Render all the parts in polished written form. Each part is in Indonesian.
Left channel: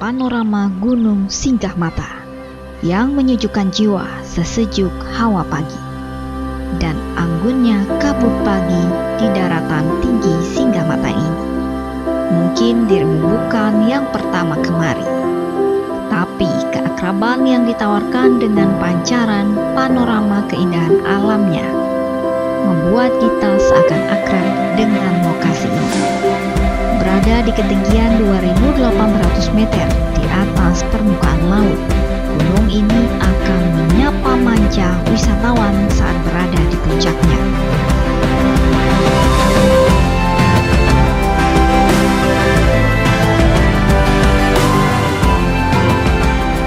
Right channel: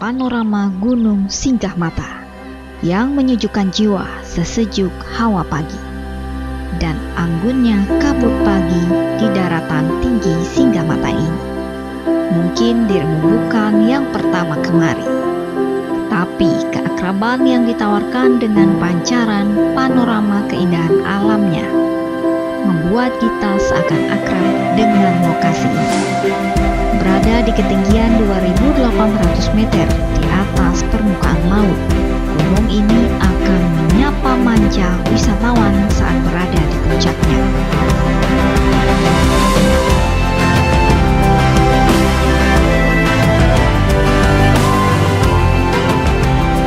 panorama Gunung Singgahmata yang menyejukkan jiwa sesejuk hawa pagi dan anggunnya kabut pagi di daratan tinggi Singgahmata ini. Mungkin dirimu bukan yang pertama kemari, tapi keakraban yang ditawarkan dengan pancaran panorama keindahan alamnya membuat kita seakan akrab dengan lokasi ini. Berada di ketinggian 2.800 meter di atas permukaan laut, gunung ini akan menyapa manca wisatawan saat berada di puncaknya.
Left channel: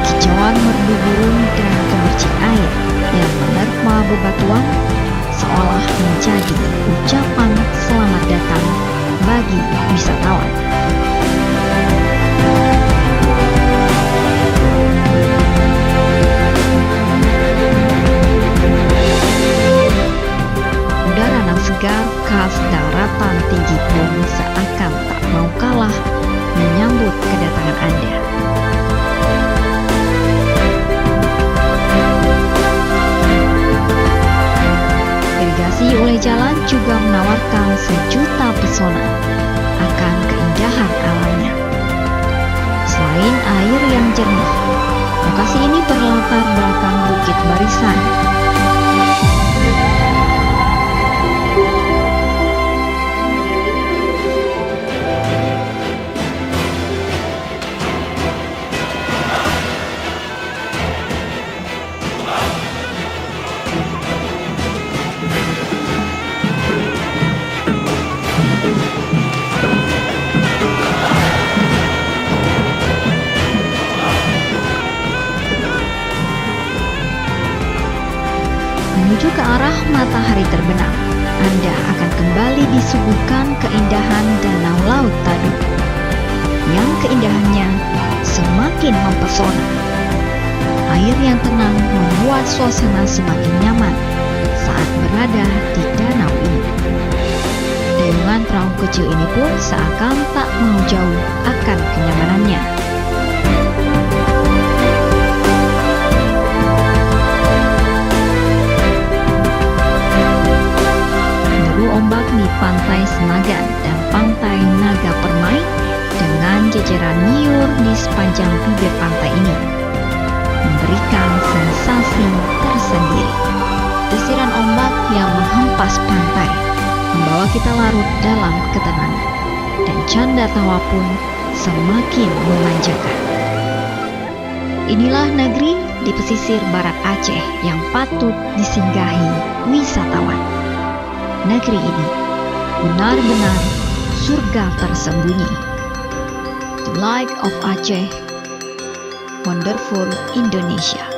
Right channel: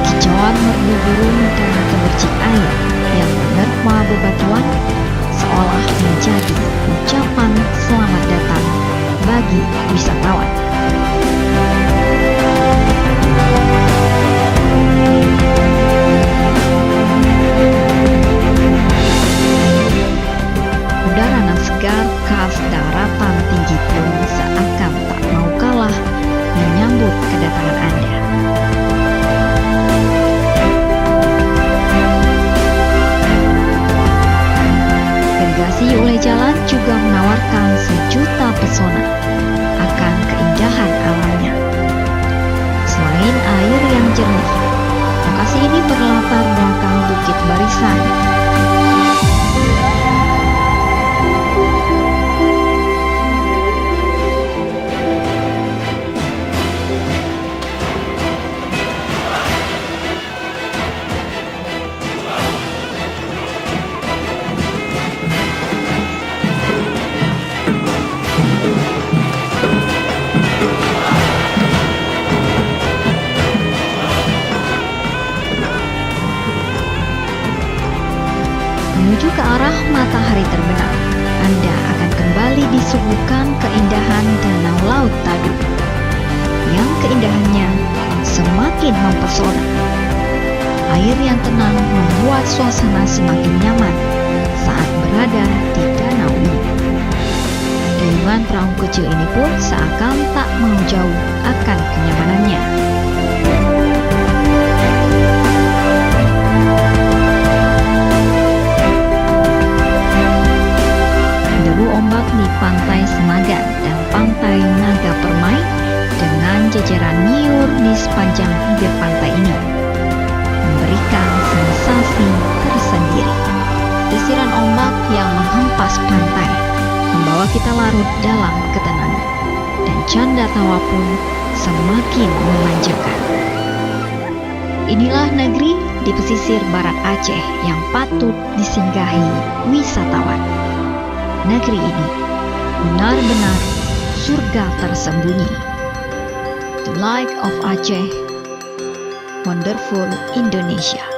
Kicauan merdu burung dan gemercik air yang menerpa bebatuan seolah menjadi ucapan selamat datang bagi wisatawan. Udara nan segar khas daratan tinggi pun seakan tak mau kalah menyambut kedatangan Anda. Irigasi oleh jalan juga menawarkan sejuta pesona akan keindahan alamnya. Selain air yang jernih, lokasi ini berlatar belakang bukit barisan. Menuju ke arah matahari terbenam, Anda akan kembali disuguhkan keindahan Danau Laut Tadu, yang keindahannya semakin mempesona. Air yang tenang membuat suasana semakin nyaman saat berada di danau ini. Dayungan perahu kecil ini pun seakan tak mau jauh akan kenyamanannya. Deru ombak di Pantai Senagan dan Pantai Naga Permai dengan jejeran nyiur di sepanjang bibir pantai ini memberikan sensasi tersendiri. Desiran ombak yang menghempas pantai membawa kita larut dalam ketenangan, dan canda tawa pun semakin memanjakan. Inilah negeri di pesisir barat Aceh yang patut disinggahi wisatawan. Negeri ini benar-benar surga tersembunyi. The Light of Aceh, Wonderful Indonesia.